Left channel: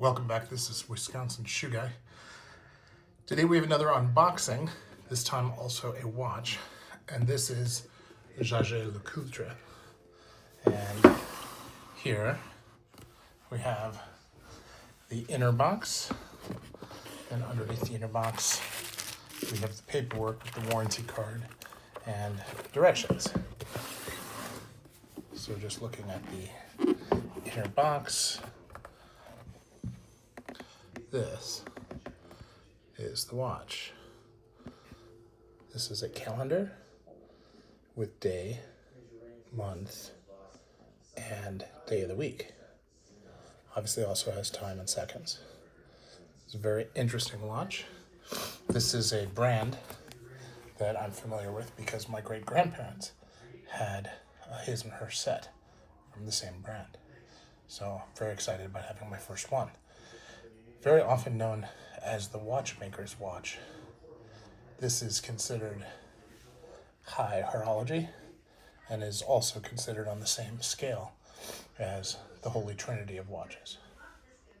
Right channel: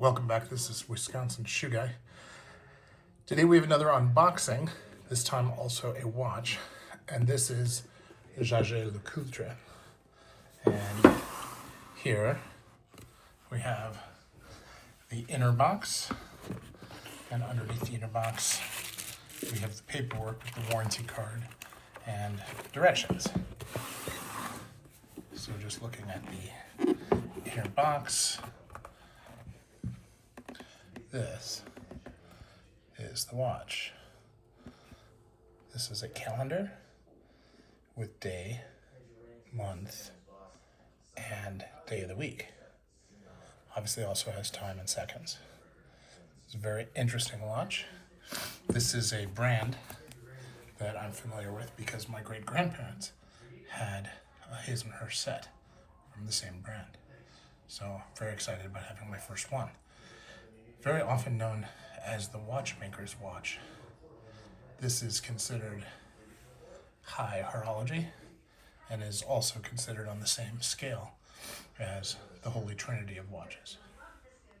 Welcome back. This is Wisconsin Shoe Guy. Today we have another unboxing, this time also a watch, and this is the Jaeger-LeCoultre. And here we have the inner box, and underneath the inner box we have the paperwork with the warranty card and directions. So just looking at the inner box, this is the watch. This is a calendar with day, month, and day of the week. Obviously also has time and seconds. It's a very interesting watch. This is a brand that I'm familiar with because my great-grandparents had a his and her set from the same brand. So I'm very excited about having my first one. Very often known as the watchmaker's watch. This is considered high horology and is also considered on the same scale as the Holy Trinity of watches.